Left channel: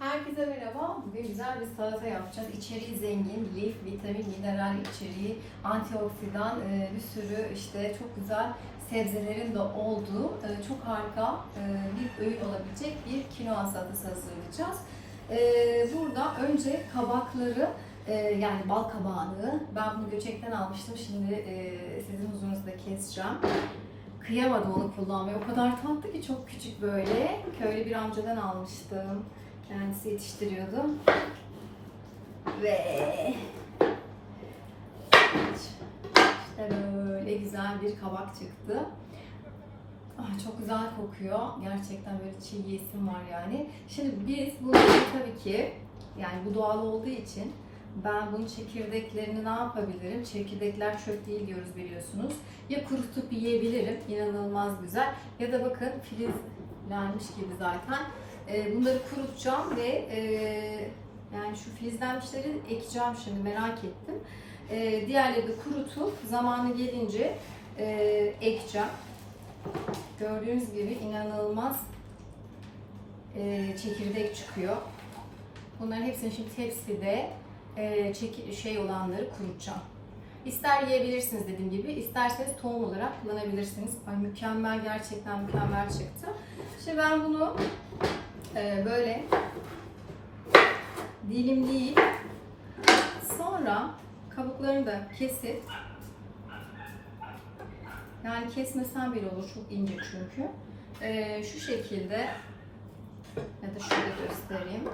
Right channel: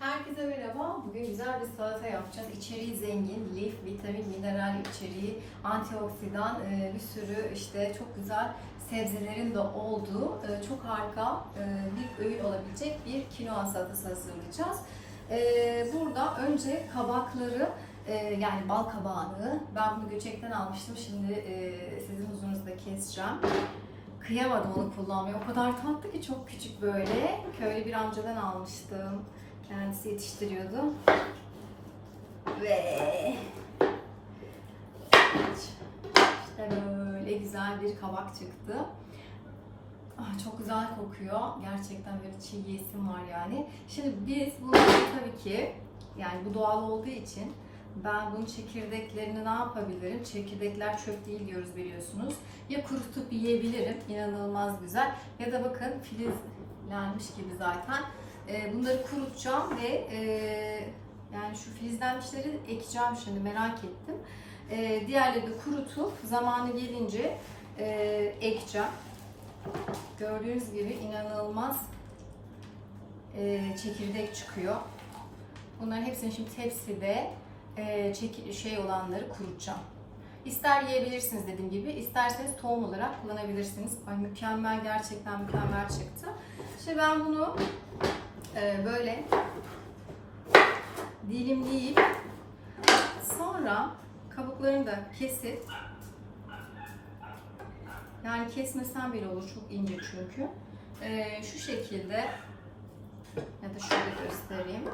Herkese merhaba. Bugün güzel bir salata yapacağız. İçeriği zengin, lif, vitamin, mineral içeriği, antioksidan, e, bir sürü işte çok güzel sebzelerin de olduğu e, çok harika e, bir öğün olabilecek bir kinoa salatası hazırlayacağız. Burada önce kabakları yani bal kabağını ben bunu göçekten almıştım. Şimdi sizin huzurunuzda keseceğim. Kıyamadım onu kullanmaya. O kadar tatlı ki çok küçük böyle. Köylü bir amcadan almıştım. Kendisi yetiştiriyordu. Ve işte böyle güzel bir kabak çıktı. Ah, çok güzel kokuyor. Gerçekten böyle çiğ yesim var yani. Şimdi biz bunu tabii ki yani bu doğal olduğu için ben bunun çekirdeklerini ne yapabilirim? Çekirdekler çöp değil diyoruz biliyorsunuz. Ya kurutup yiyebilirim. inanılmaz güzel. Ya da bakın filizlenmiş gibi zaten. Ee, bunları kurutacağım ve e, yani şu filizlenmişleri ekeceğim şimdi merak ettim. Ee, diğerleri de kurutup zamanı gelince e, ekeceğim. Gördüğünüz gibi inanılmaz e, çekirdek çıkıyor. Bunların hepsini şimdi tepside e, şey olanları kurutacağım. İster yiyebilirsiniz dediğim gibi, isterseniz tohum olarak kullanabilirsiniz. Ay mükemmel, gerçekten mükemmel çıktı. Şimdi ben bunu e, böyle dilimleyip sonra kabuklarını da kesip yani kesmesen bile olur çok ince çünkü. E, şu şekilde ya da şöyle göstereyim.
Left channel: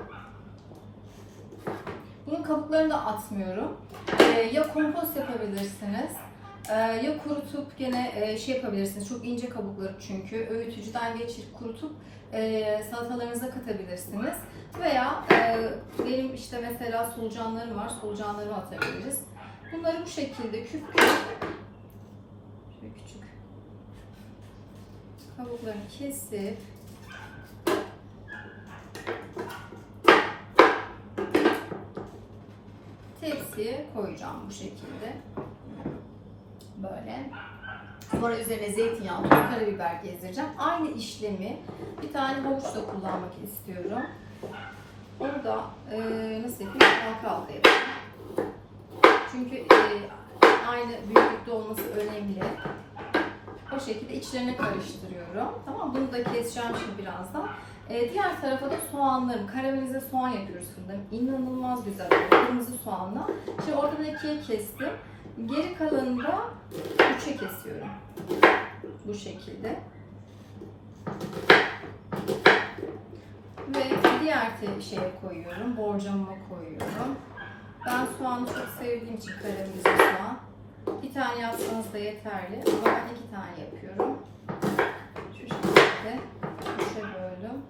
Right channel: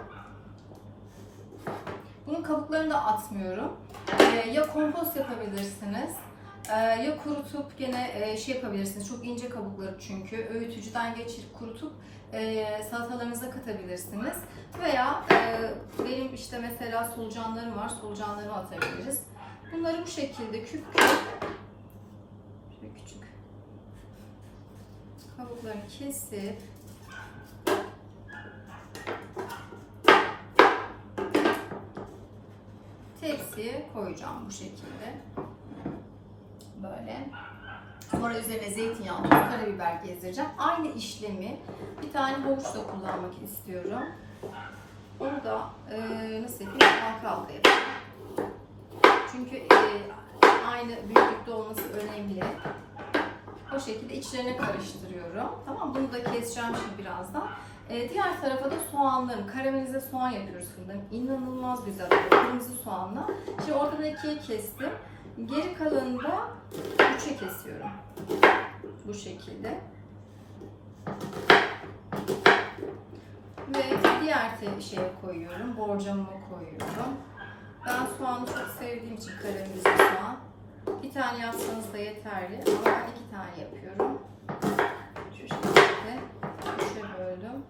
Bunun kabuklarını da atmıyorum. Ee, ya kompost yapabilirsiniz ee, ya kurutup gene e, şey yapabilirsiniz. Çok ince kabukları çünkü. Öğütücüden geçirip kurutup e, salatalarınıza katabilirsiniz. Veya e, benim işte mesela solucanlarım var. Solucanlarımı atabiliriz. Bunları bu şekilde küp şöyle küçük kabuklarını kesip tepsiye koyacağım bu şekilde. Böyle. Sonra üzerine zeytinyağı, tuz, karabiber gezdireceğim. Aynı işlemi bir tane havuçla kullanmak istiyorum. Onu da e, nasıl yapayım? Halka halka yapayım. Çünkü e, aynı büyüklükte olması önemli. O şekilde içlerine karıştırıyorum. Tamam bunu da keseceğim şimdi birazdan. Ee, diğer tarafa da soğanlarım. Karamelize soğan yapıyoruz fırında. İnanılmaz güzel. Kırmızı soğanla. Şimdi oradan ikiye kestim. Geri kalanını da üçe kesiyorum. Bu şekilde. Ve diğer şeye koyuyorum. Borcamıma koyuyorum. Ben soğanı çok sevdiğim için karamelize soğan. Bir tane yapsanız da yeterli. Ama ben iki tane yapıyorum. Şu şekilde üçe böldüm.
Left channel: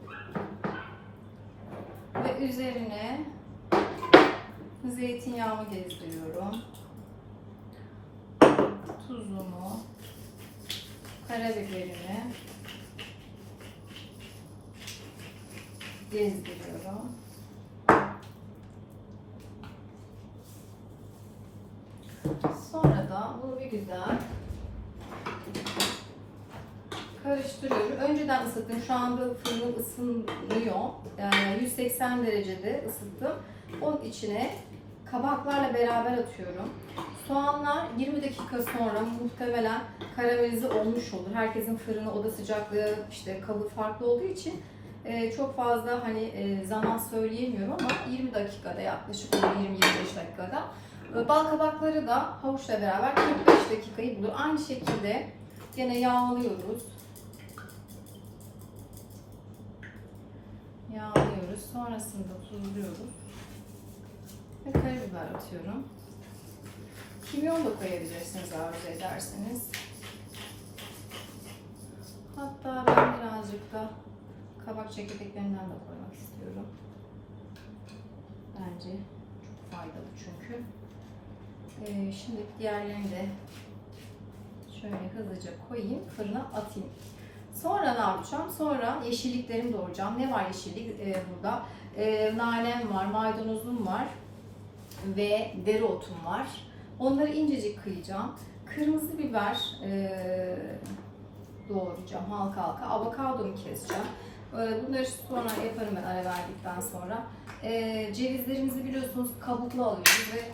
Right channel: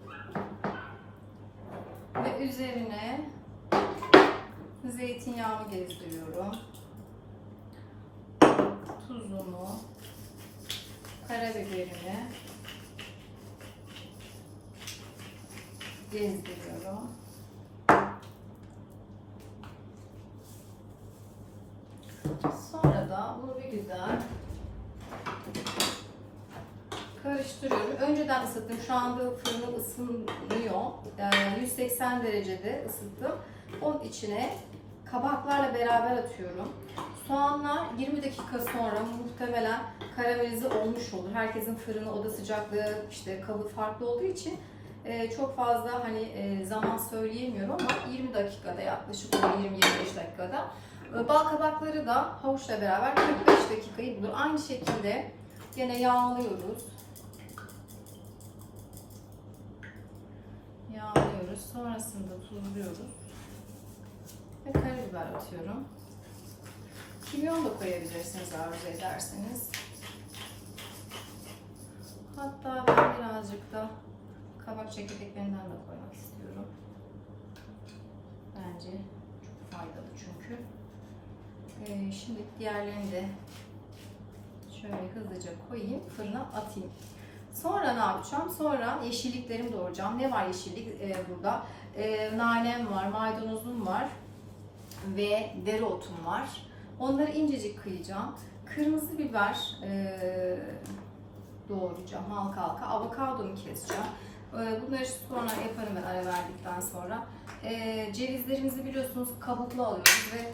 Ve üzerine zeytinyağımı gezdiriyorum. Tuzumu, karabiberimi gezdiriyorum. Sonra da bunu bir güzel karıştırıyorum. Önceden ısıttım. Şu anda fırınım ısınıyor. Yani 180 derecede ısıttım. Onun içine kabaklarla beraber atıyorum. Soğanlar 20 dakika sonra muhtemelen karamelize olmuş olur. Herkesin fırını oda sıcaklığı işte kabı farklı olduğu için e, çok fazla hani e, zaman söyleyemiyorum ama 20 dakikada yaklaşık 20-25 dakikada. E, Bal kabakları da havuçla beraber 45 dakikayı bulur. Aynı şekilde yine yağlıyoruz. Yağlıyoruz. Sonrasında tuzluyoruz. Ve karabiber atıyorum. Kimyon da koyabilirsiniz arzu ederseniz. Hatta ben birazcık da kabak çekirdeklerinden de koymak istiyorum. Bence çok faydalı çünkü. Ee, şimdi diğerlerini de şöyle hızlıca koyayım, fırına atayım. Sonra ne yapacağım? Sonra yeşilliklerimi doğrayacağım. Ne var yeşillik ee, burada? Ee, nanem var, maydanozum var ve dereotum var. Onları incecik kıyacağım. Kırmızı biber ee, doğrayacağım halka halka. Avokadomu keseceğim. Ee, Bunları sonra yaparım ben ara verdikten sonra. Ee, cevizlerimizi biliyorsunuz kabuklu alıyoruz ve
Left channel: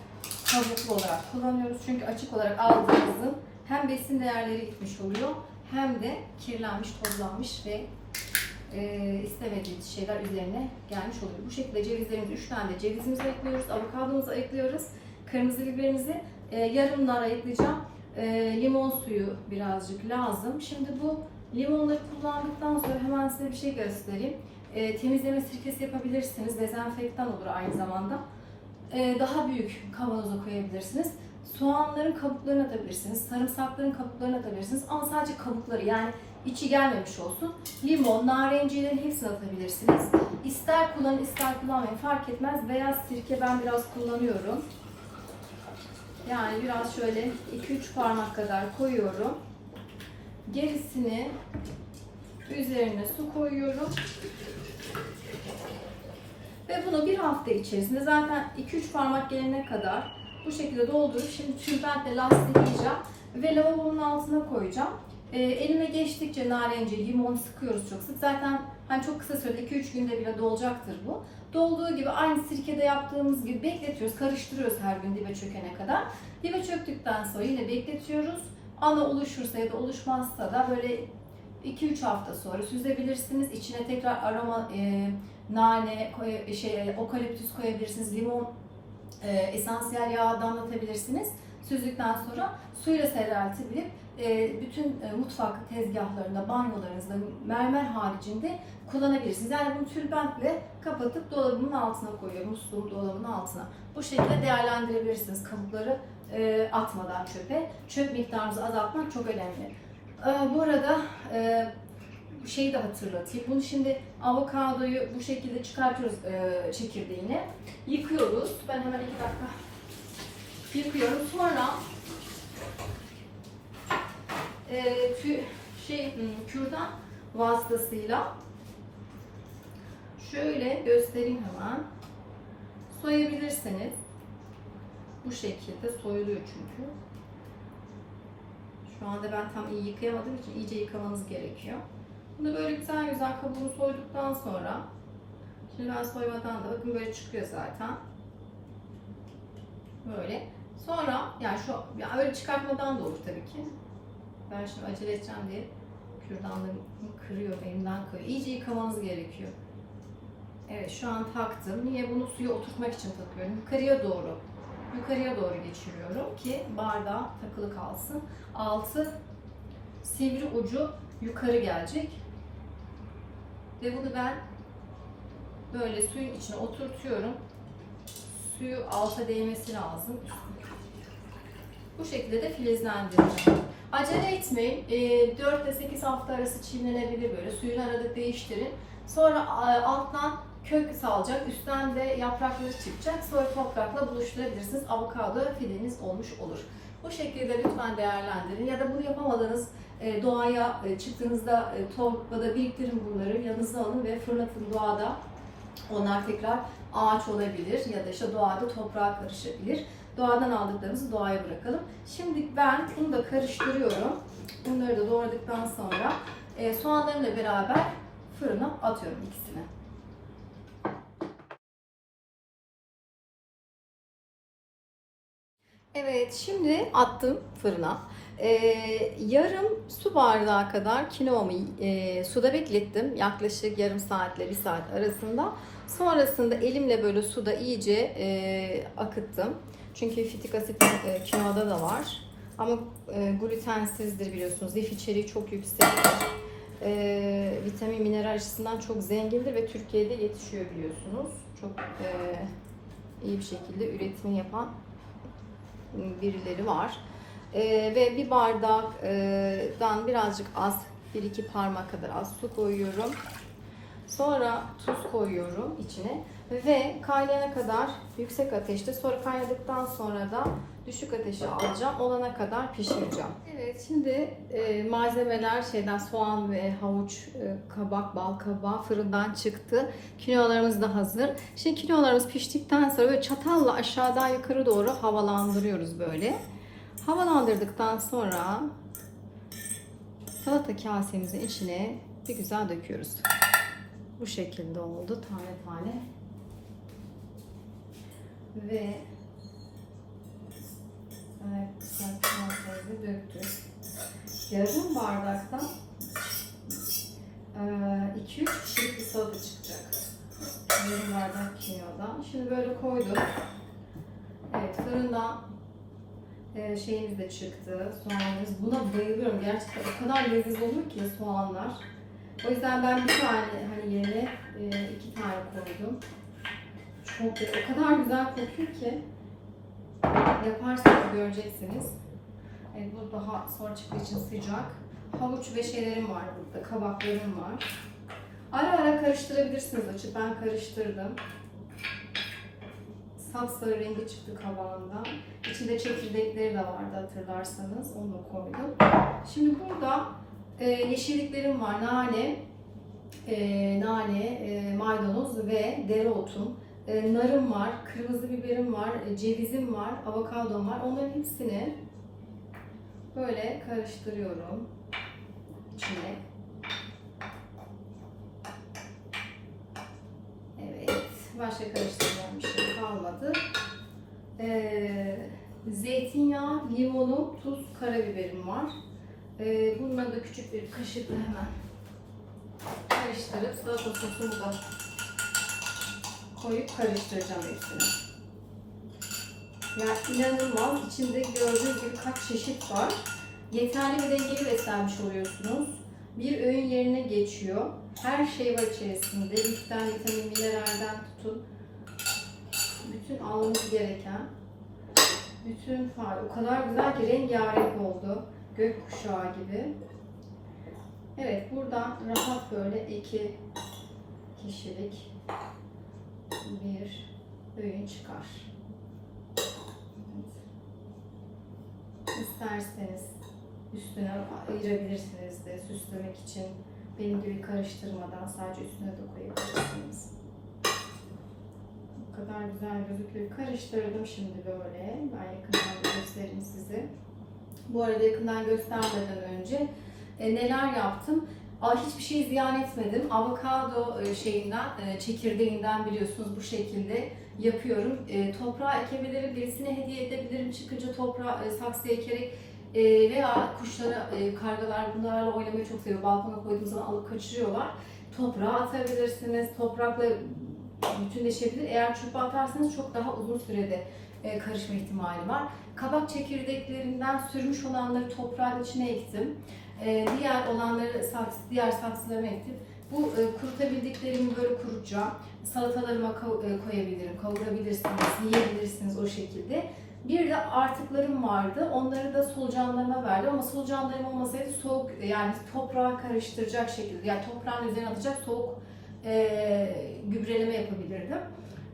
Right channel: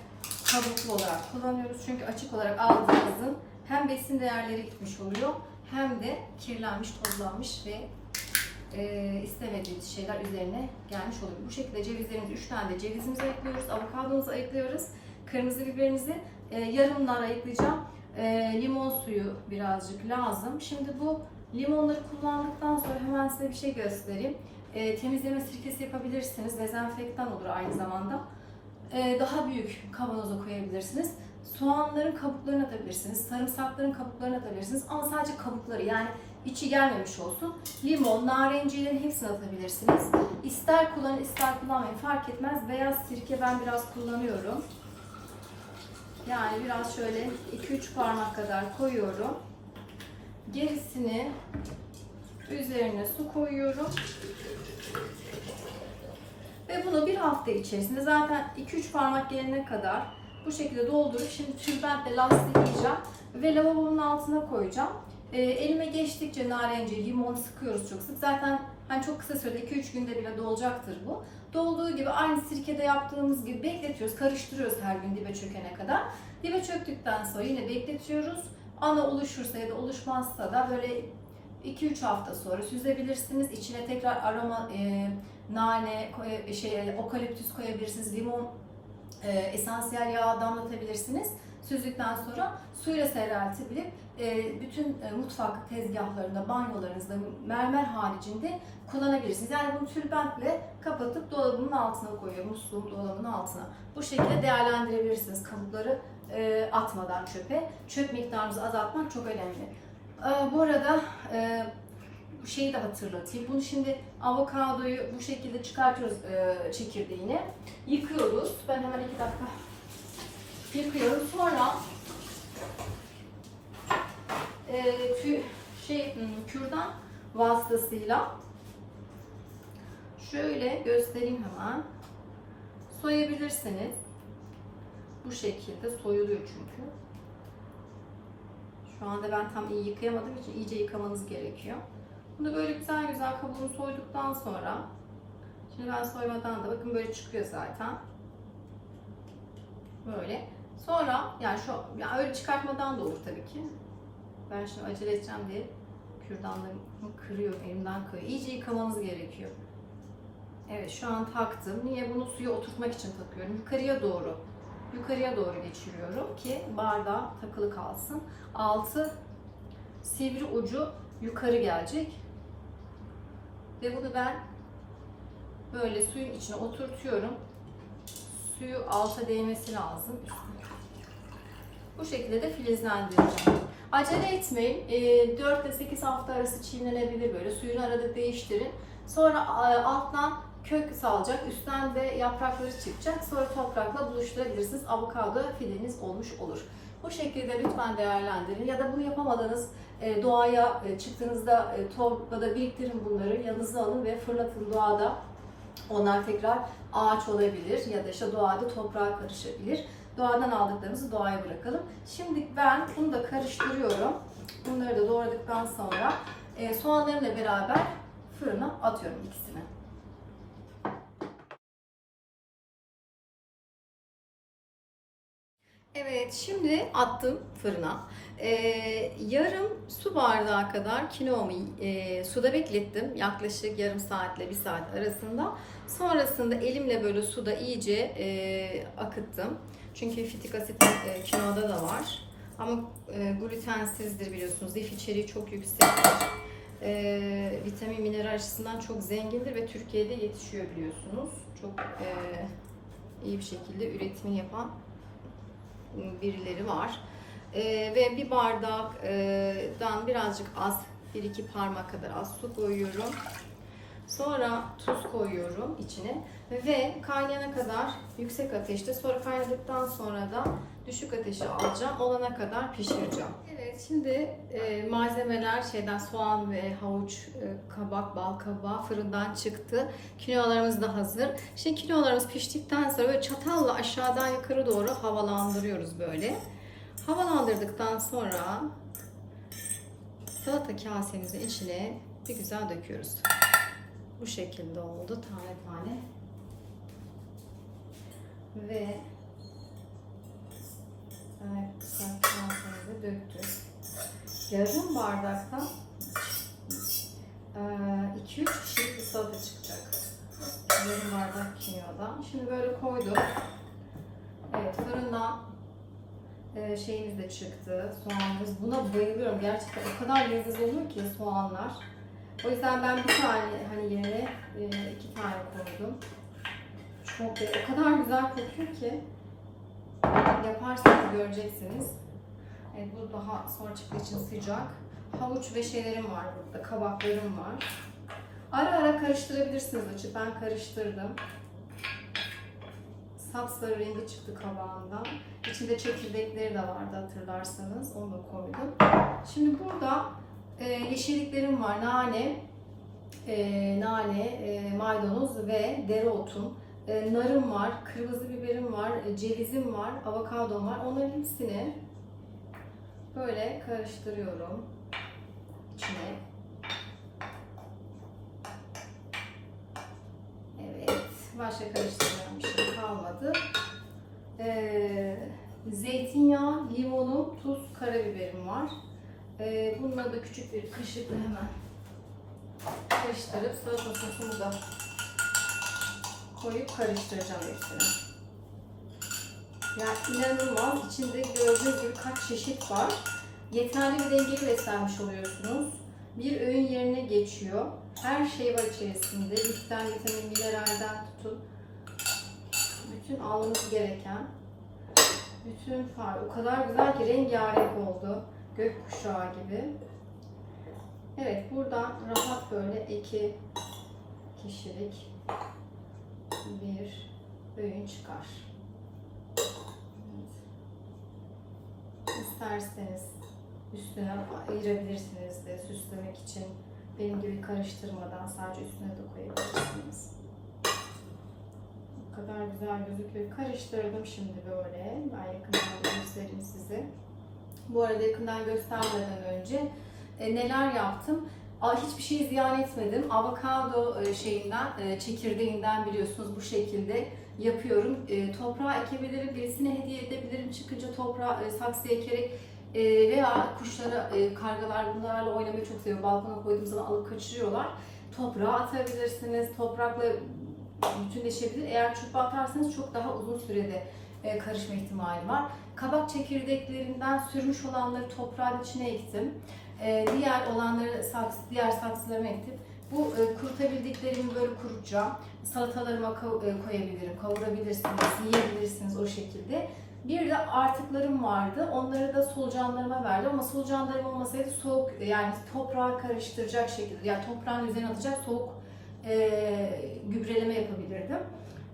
kabuklu olarak kullanıyoruz. Çünkü açık olarak aldığımızın hem besin değerleri gitmiş oluyor hem de kirlenmiş, tozlanmış ve e, istemediğimiz şeyler üzerine gelmiş oluyor. Bu şekilde cevizlerimizi 3 tane de cevizimizi ayıklıyoruz, avokadomuzu ayıklıyoruz, kırmızı biberimizi e, yarımlar ayıklayacağım. E, limon suyu birazcık lazım. Şimdi bu limonları kullandıktan sonra hemen size bir şey göstereyim. E, temizleme sirkesi yapabilirsiniz. Dezenfektan olur aynı zamanda. E, daha büyük kavanoza koyabilirsiniz. Soğanların kabuklarını atabilirsiniz. Sarımsakların kabuklarını atabilirsiniz. Ama sadece kabukları yani içi gelmemiş olsun. Limon, narenciyerin hepsini atabilirsiniz. İster kullanın ister kullanmayın fark etmez. Beyaz sirke ben biraz kullanıyorum. Yani biraz şöyle 2-3 parmak kadar koyuyorum. Gerisini üzerine su koyuyorum. Ve bunu bir hafta içerisinde zaten 2-3 parmak gelene kadar bu şekilde doldurup şimdi tülbentle lastikleyeceğim ve lavabonun altına koyacağım. E, elime geçtikçe narenciye, limon sıkıyoruz çok sık. Zaten hani çok kısa sürede 2-3 günde bile dolacaktır bu. Dolduğu gibi aynı sirkede yaptığımız gibi bekletiyoruz, karıştırıyoruz her gün dibe çökene kadar. Dibe çöktükten sonra yine bekletiyoruz. Ana oluşursa ya da oluşmazsa da böyle 2-3 hafta sonra süzebilirsiniz. İçine tekrar aroma, e, nane, koy- şey, okaliptüs koyabilirsiniz, limon e, esansiyel yağ damlatabilirsiniz. Süzdükten sonra suyla seyreltebilip e, bütün e, mutfak tezgahlarında, banyolarınızda mermer haricinde kullanabilirsiniz. Yani bunu tülbentle kapatıp dolabımın altına koyuyorum, musluğum dolabının altına. Bu şekilde değerlendirebilirsiniz kabukları e, atmadan çöpe. Çöp miktarınızı azaltmak çok önemli. Bu arada şeyi de hatırlatayım. Bunu şimdi avokadoyu bu şekilde çıkartıyoruz çekirdeğini. Yıkıyoruz. Ben hemen iki dakika yıkıyorum. Sonra e, tü, şey hmm, kürdan vasıtasıyla şöyle göstereyim hemen. Soyabilirsiniz. Bu şekilde soyuluyor çünkü. Şu anda ben tam iyi yıkayamadığım için iyice yıkamanız gerekiyor. Bunu böyle güzel güzel kabuğunu soyduktan sonra Şimdi ben soymadan da bakın böyle çıkıyor zaten. Böyle. Sonra yani şu yani öyle çıkartmadan da olur tabii ki. Ben şimdi acele edeceğim diye kürdanlarımı kırıyorum, elimden kırıyorum. İyice yıkamanız gerekiyor. Evet şu an taktım. Niye? Bunu suya oturtmak için takıyorum. Yukarıya doğru. Yukarıya doğru geçiriyorum ki bardağa takılı kalsın. Altı sivri ucu yukarı gelecek. Ve bunu ben böyle suyun içine oturtuyorum. Suyu alta değmesi lazım. Bu şekilde de filizlendireceğim. Acele etmeyin. E, 4 ile 8 hafta arası çiğnenebilir böyle. Suyunu arada değiştirin. Sonra e, alttan kök salacak. Üstten de yaprakları çıkacak. Sonra toprakla buluşturabilirsiniz. Avokado fileniz olmuş olur. Bu şekilde lütfen değerlendirin. Ya da bunu yapamadığınız e, doğaya e, çıktığınızda torbada biriktirin bunları. Yanınıza alın ve fırlatın doğada. Onlar tekrar ağaç olabilir ya da işte doğada toprağa karışabilir. Doğadan aldıklarımızı doğaya bırakalım. Şimdi ben bunu da karıştırıyorum. Bunları da doğradıktan sonra e, soğanlarımla beraber fırına atıyorum ikisini. Evet, şimdi attım fırına. Ee, yarım su bardağı kadar kinoamı e, suda beklettim. Yaklaşık yarım saatle bir saat arasında. Sonrasında elimle böyle suda iyice e, akıttım. Çünkü fitik asit e, kinoada da var. Ama e, glutensizdir biliyorsunuz. Lif içeriği çok yüksek. E, vitamin, mineral açısından çok zengindir ve Türkiye'de yetişiyor biliyorsunuz. Çok e, iyi bir şekilde üretimini yapan birileri var. Ee, ve bir bardaktan birazcık az, bir iki parmak kadar az su koyuyorum. Sonra tuz koyuyorum içine ve kaynayana kadar yüksek ateşte sonra kaynadıktan sonra da düşük ateşe alacağım. Olana kadar pişireceğim. Evet şimdi e, malzemeler şeyden soğan ve havuç, e, kabak, bal kabağı fırından çıktı. Kinoalarımız da hazır. Şimdi kinoalarımız piştikten sonra böyle çatalla aşağıdan yukarı doğru havalandırıyoruz böyle. Havalandırdıktan sonra salata kasemizin içine bir güzel döküyoruz. Bu şekilde oldu tane tane. Ve evet sarımsakları döktük. Yarım bardaktan 2-3 kişilik bir salata çıkacak. Yarım bardak kimyadan. Şimdi böyle koydum. Evet fırından şeyimiz de çıktı. Soğanımız. Buna bayılıyorum. Gerçekten o kadar leziz olur ki soğanlar. O yüzden ben bir tane hani yerine e, iki tane koydum. Çok o kadar güzel kokuyor ki yaparsanız göreceksiniz. Evet bu daha sonra çıktığı için sıcak. Havuç ve şeylerim var burada. Kabaklarım var. Ara ara karıştırabilirsiniz açıp. Ben karıştırdım. Sapsarı rengi çıktı kabağından. İçinde çekirdekleri de vardı hatırlarsanız. Onu da koydum. Şimdi burada e, yeşilliklerim var. Nane, e, nane, e, maydanoz ve dereotum. E, narım var, kırmızı biberim var, e, cevizim var, avokadom var. Onların hepsini böyle karıştırıyorum içine. Evet, başka karıştıracağım bir şey kalmadı. Ee, zeytinyağı, limonu, tuz, karabiberim var. Ee, bunları da küçük bir kaşıkla hemen karıştırıp salata sosunu da koyup karıştıracağım hepsini. Ya inanılmaz. İçinde gördüğünüz gibi kaç çeşit var. Yeterli bir dengeli beslenmiş oluyorsunuz. Bir öğün yerine geçiyor. Her şey var içerisinde. Liften, vitamin, mineralden tutun. Bütün almanız gereken. Bütün far. O kadar güzel ki rengarenk oldu. Gökkuşağı gibi. Evet buradan rahat böyle iki kişilik bir öğün çıkar. Evet. İsterseniz üstüne ayırabilirsiniz de süslemek için benim gibi karıştırmadan sadece üstüne de koyabilirsiniz. Bu kadar güzel gözüküyor. Karıştırdım şimdi böyle. Ben yakından göstereyim size. Bu arada yakından göstermeden önce e, neler yaptım? Aa, hiçbir şey ziyan etmedim. Avokado e, şeyinden, e, çekirdeğinden biliyorsunuz bu şekilde yapıyorum. E, toprağa ekebilirim, birisine hediye edebilirim. Çıkınca toprağa e, saksıya ekerek e, veya kuşlara, e, kargalar bunlarla oynamayı çok seviyor. Balkona koyduğum zaman alıp kaçırıyorlar. Toprağa atabilirsiniz. Toprakla bütünleşebilir. Eğer çöpe atarsanız çok daha uzun sürede e, karışma ihtimali var. Kabak çekirdeklerinden sürmüş olanları toprağın içine ektim. E, diğer olanları diğer saksılarıma ektim. Bu e, kurutabildiklerimi böyle kurutacağım. Salatalarıma e, koyabilirim, kavurabilirsiniz, yiyebilirsiniz o şekilde. Bir de artıklarım vardı. Onları da solucanlarıma verdim ama solucanlarım olmasaydı soğuk yani toprağa karıştıracak şekilde yani toprağın üzerine atacak soğuk e, gübreleme yapabilirdim.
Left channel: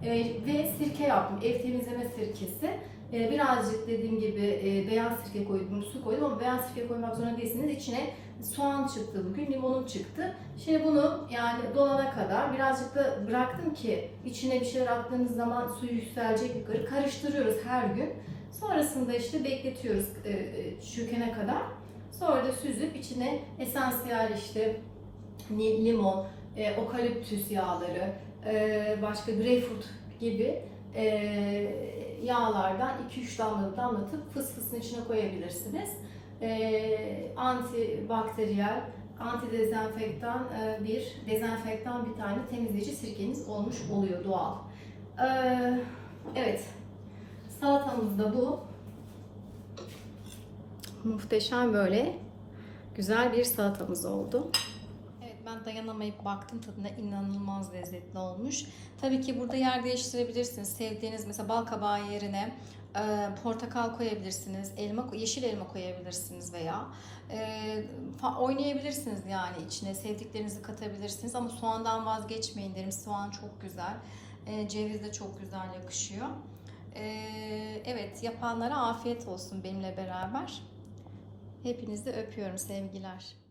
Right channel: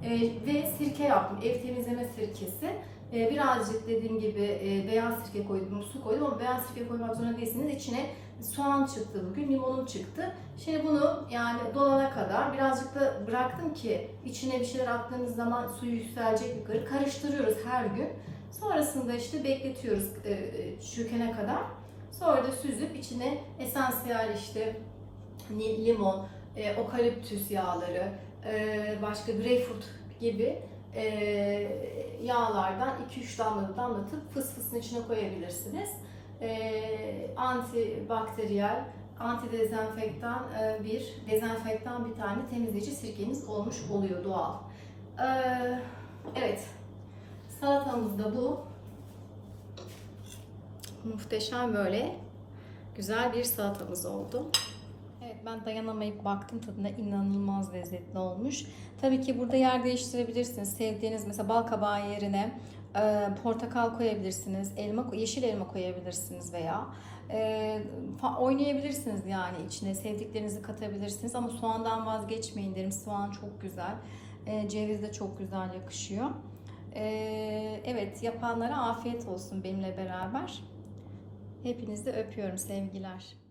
E, ve sirke yaptım. Ev temizleme sirkesi. E, birazcık dediğim gibi e, beyaz sirke koydum, su koydum ama beyaz sirke koymak zorunda değilsiniz. İçine soğan çıktı bugün, limonum çıktı. Şimdi bunu yani dolana kadar birazcık da bıraktım ki içine bir şeyler attığınız zaman suyu yükselecek yukarı. Karıştırıyoruz her gün. Sonrasında işte bekletiyoruz e, e, kadar. Sonra da süzüp içine esansiyel işte limon, e, okaliptüs yağları, e, başka greyfurt gibi e, yağlardan 2-3 damla damlatıp fıs fısın içine koyabilirsiniz. E, antibakteriyel, antidezenfektan e, bir, dezenfektan bir tane temizleyici sirkeniz olmuş oluyor doğal. E, evet, salatamız da bu. Muhteşem böyle güzel bir salatamız oldu. Ben dayanamayıp baktım tadına inanılmaz lezzetli olmuş. Tabii ki burada yer değiştirebilirsiniz. Sevdiğiniz mesela bal kabağı yerine e, portakal koyabilirsiniz. Elma, yeşil elma koyabilirsiniz veya e, oynayabilirsiniz yani içine sevdiklerinizi katabilirsiniz ama soğandan vazgeçmeyin derim. Soğan çok güzel. E, ceviz de çok güzel yakışıyor. E, evet yapanlara afiyet olsun benimle beraber. Hepinizi öpüyorum sevgiler.